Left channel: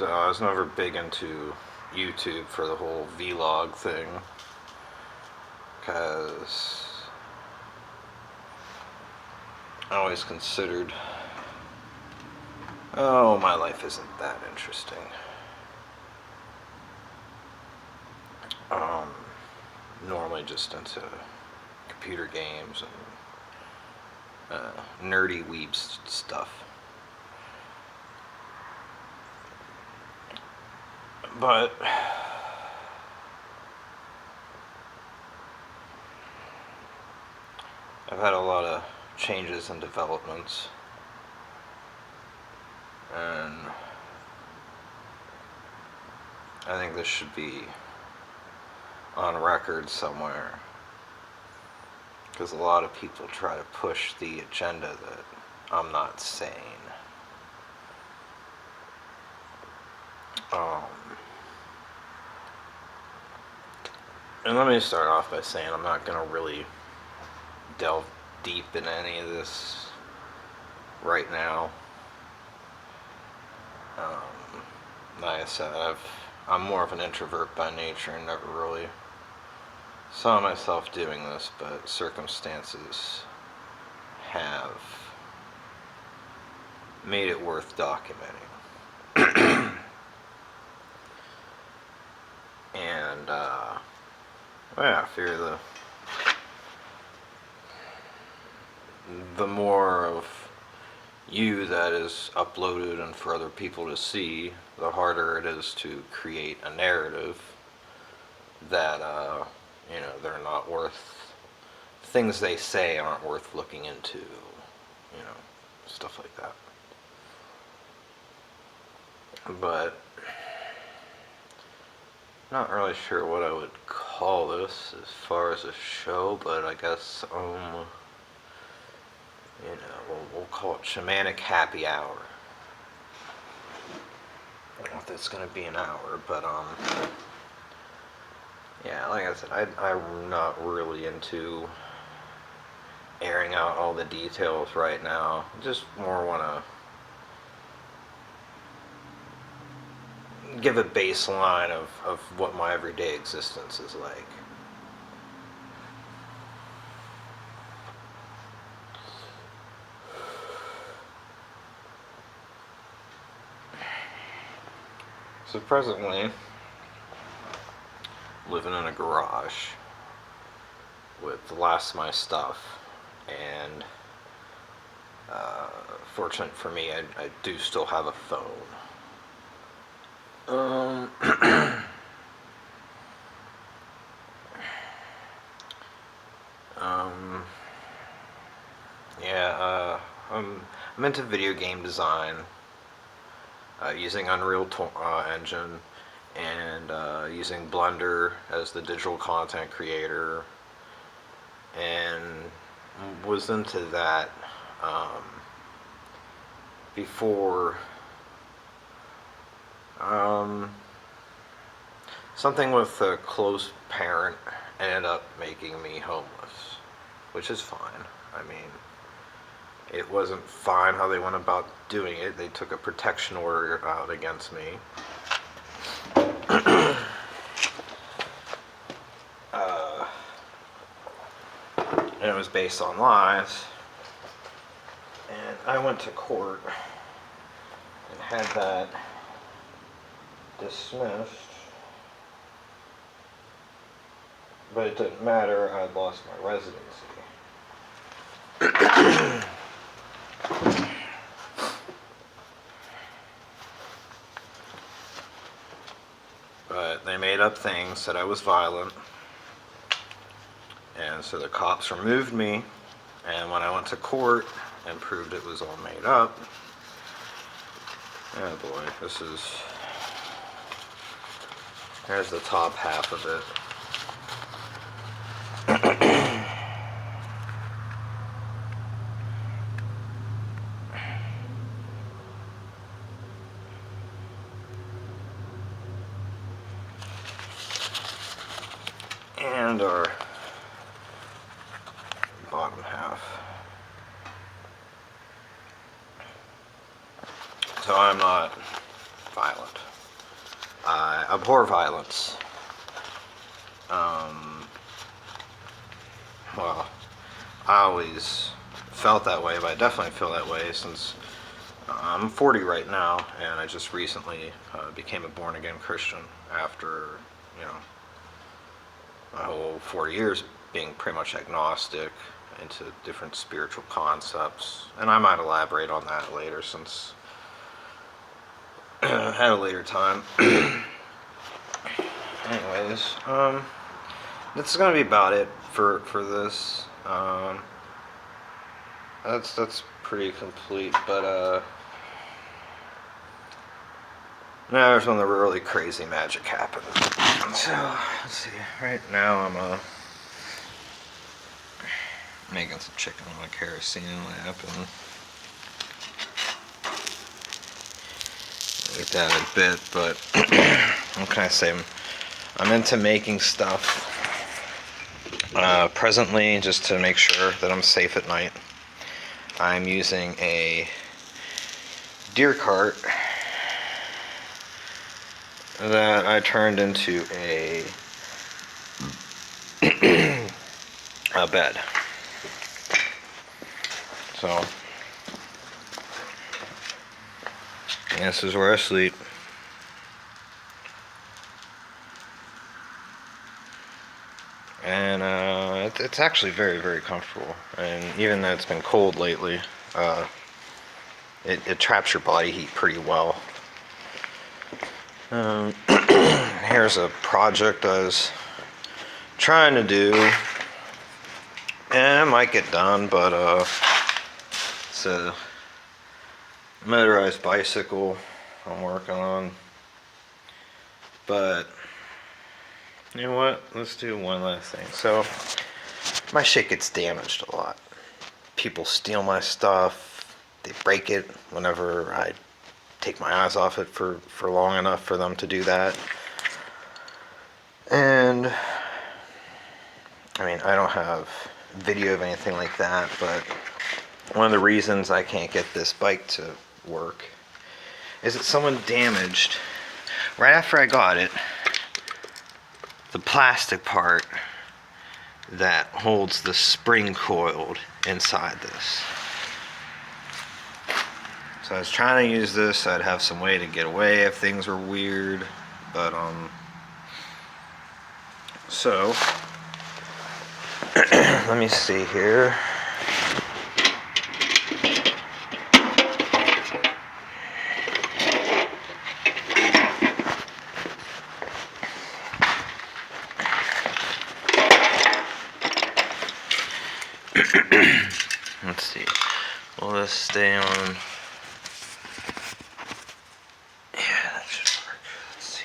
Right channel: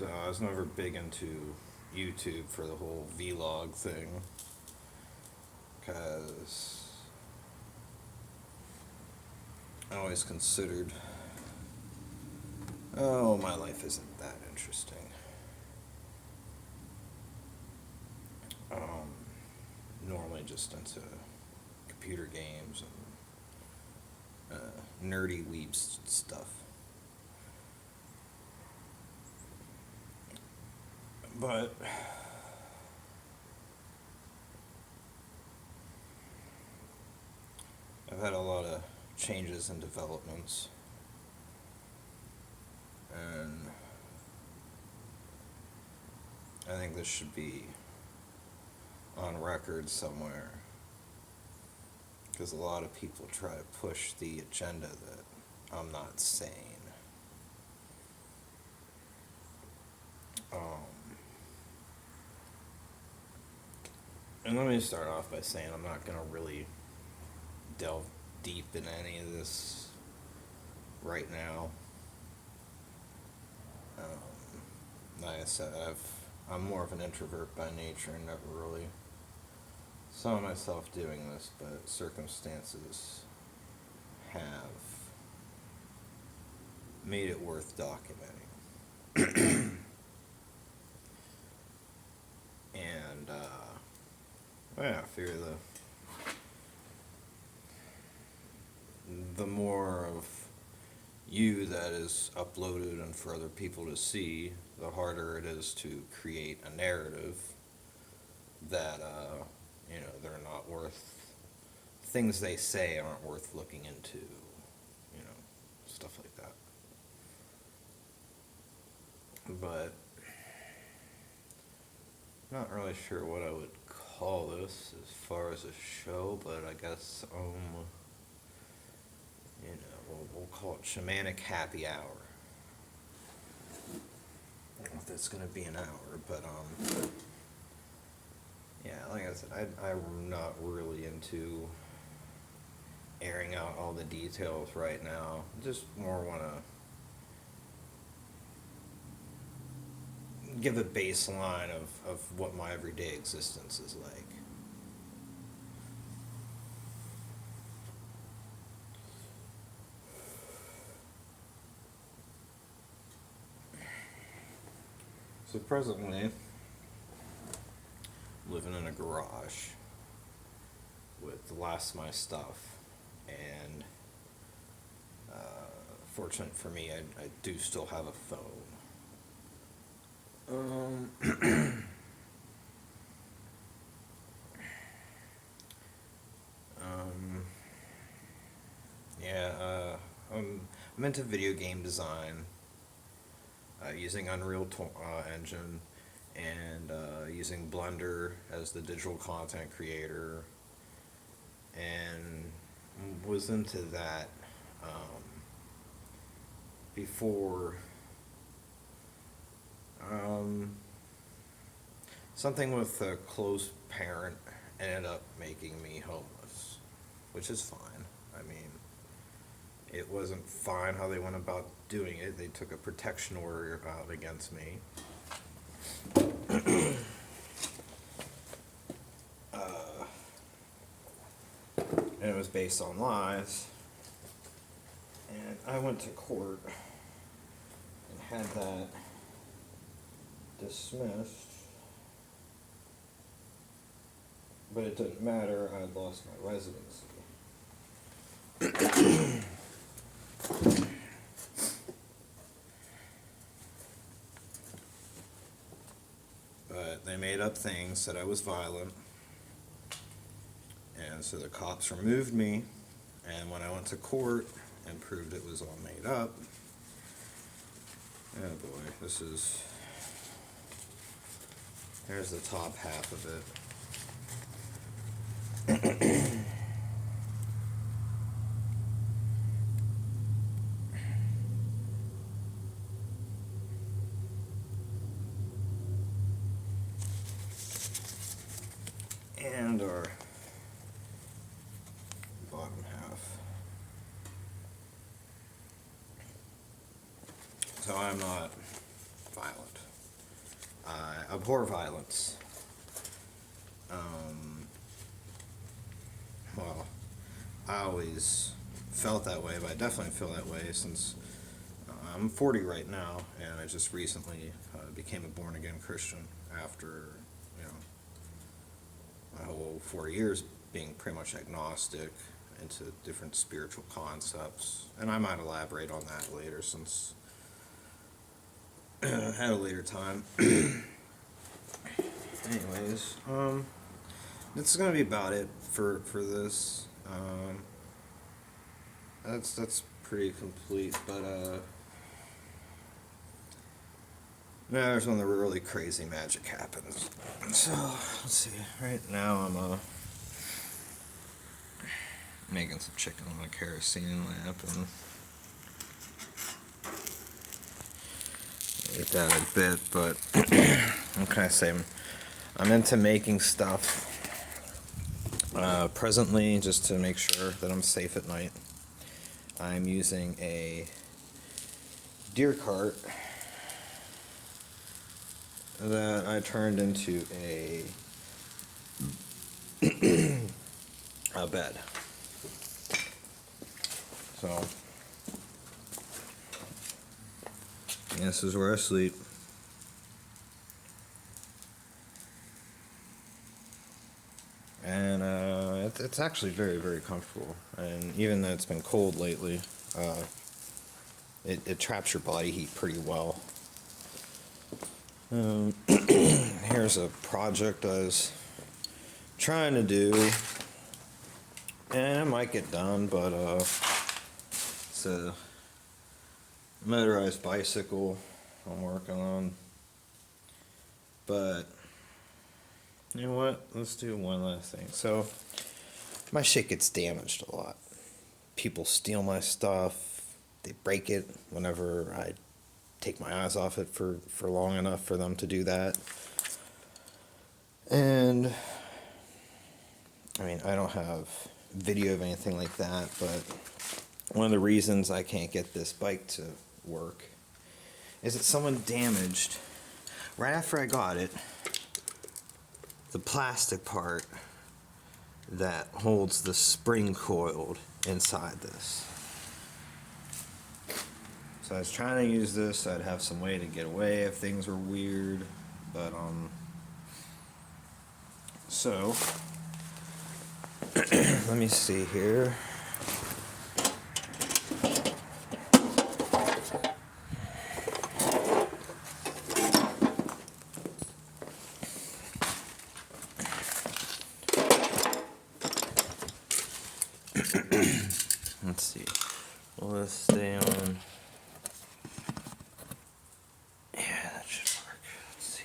So I was never big into YouTube for the whole vlog thing, because I always considered, oh, my life isn't that interesting. Normally just into computer games and nerdy weeb stuff. But I've had a lot of changes and developments, and I think this should be on record somewhere, because a lot of people try to push the agenda that I'm not saying. And let me start off by saying I'm not going to really delve deep in any of this right now. Like I said, I'm more of an introvert by nature and never really saw myself doing this, but circumstances have made it worth documenting. And, yeah, I fear the more of you that is uploaded and for other people to see, the harder it is to create a narrative that, they're not worth, things they say aren't worth looking into, stuff like that. But not really sure what I would call this as far as a show, but I guess, we'll call it Shamanic Happy Hour. I don't know if that's going to be an hour, but, yeah, like I said, I'm not really into airing out all the details right now. Just more want to give a baseline of what my everyday existence is like. So presently, living in a garage with the last of my stuff, and fortunate for me, I do still have a phone. Yeah, I'm into video game design, using Unreal Engine, and using Blender as the digital content creator, and was into that before something with a close parent ended up making me homeless, which is fine. I mean, it wasn't fine how they went about doing it. They took a protection order out against me. And it was based on lies. And I went to court and had that dismissed. But it didn't matter, I had lost my residency. But they made up things, said I was violent, and so the cops removed me, and when I went to court and proved it was all made up, oh boy, there's the top half of it. And our bottom half. So I'm not violent. I abhor violence. Well, I always felt that way, but I definitely feel that way since I'm 40 right now, and I just recently became a born-again Christian after, you know, my whole 40 years being pretty much agnostic into different spiritual concepts. And I might elaborate on that later since at a later time. Anyways, this is gonna be about it for this. That's pretty complete, but now there's when the really crazy magic happens. So let's see. Right now I'm making some chicken on a kerosene lamp and eat that in a bit. But what can I say? I'm into making stuff. Presently, just to make sure that I'm safe at night, I'm using a deer cart that I turned into a bed. So this is where I sleep. And it's actually very, very comfortable. And even though it's been cold lately, it traps your body heat pretty well. Here's a project I was trying to do, and it might get done, but it's a motorized bicycle I'm working on. But you know what? Let's do one last thing. So my shit gets damaged a lot. People steal my stuff. They break it whenever I take my eyes off it for long enough for them to do that. And I mean, I don't have video of anything like that, but one of the reasons I can't get this bike to work is that someone damaged, right after I got it, the plastic part that holds the spring coiled inside this. So I was trying to use this so I'd have some way to get away if things were weird, but so let me see here. Let's see. Will this stay on? Yeah, that should work. Let's see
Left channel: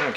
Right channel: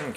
okay.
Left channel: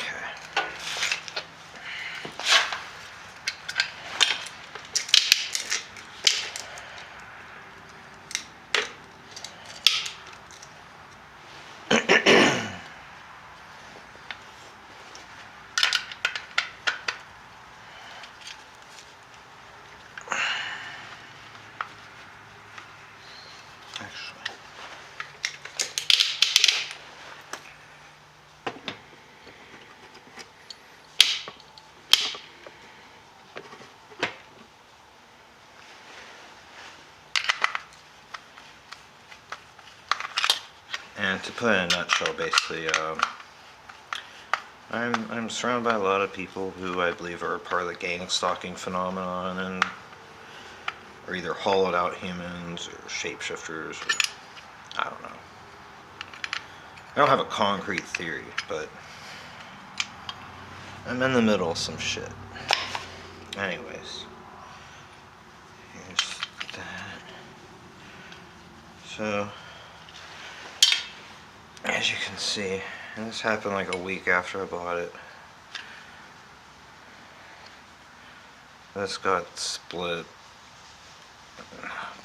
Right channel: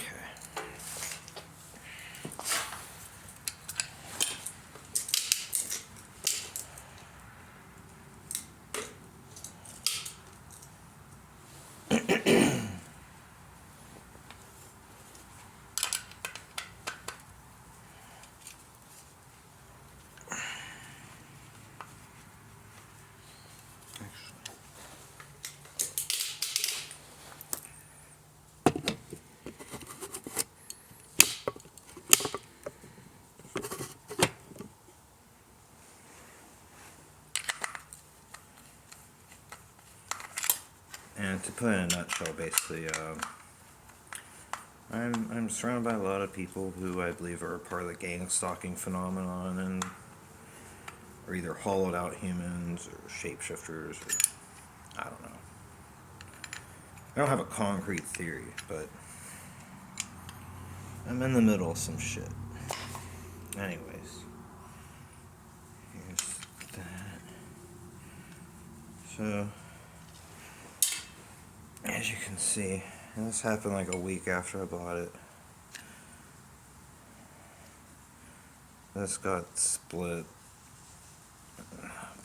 And to put it in a nutshell, basically, I'm surrounded by a lot of people who I believe are part of the gang stalking phenomenon and are either hollowed out humans or shapeshifters, or I don't know. I don't have a concrete theory, but I'm in the middle of some shit. Anyways, here's that. So, as you can see, and this happened like a week after I bought it. This got split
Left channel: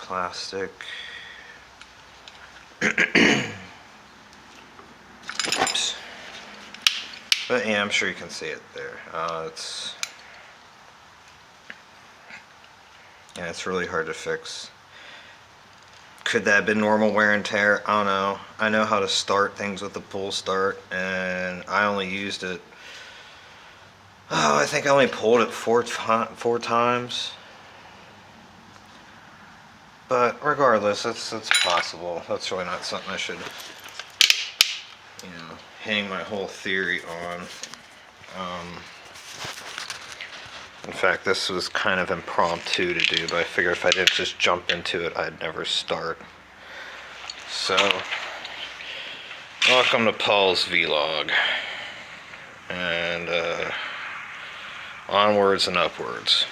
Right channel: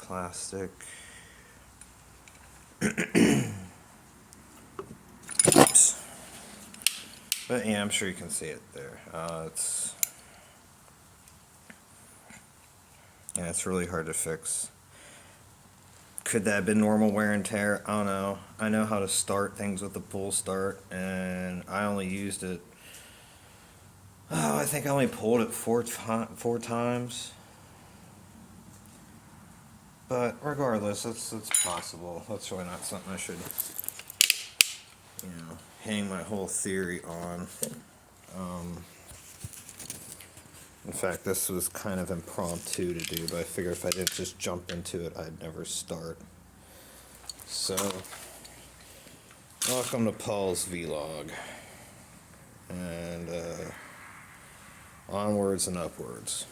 plastic. Oops. But yeah, I'm sure you can see it there. It's really hard to fix. Could that have been normal wear and tear? I don't know. I know how to start things with the pull start, and I only used it. Oh, I think I only pulled it four times. But regardless, it's possible. That's really not something I should, hang my whole theory on. In fact, this was kind of impromptu to do, but I figured if I didn't just jump into it, I'd never start. So, welcome to Paul's vlog. And onwards and upwards.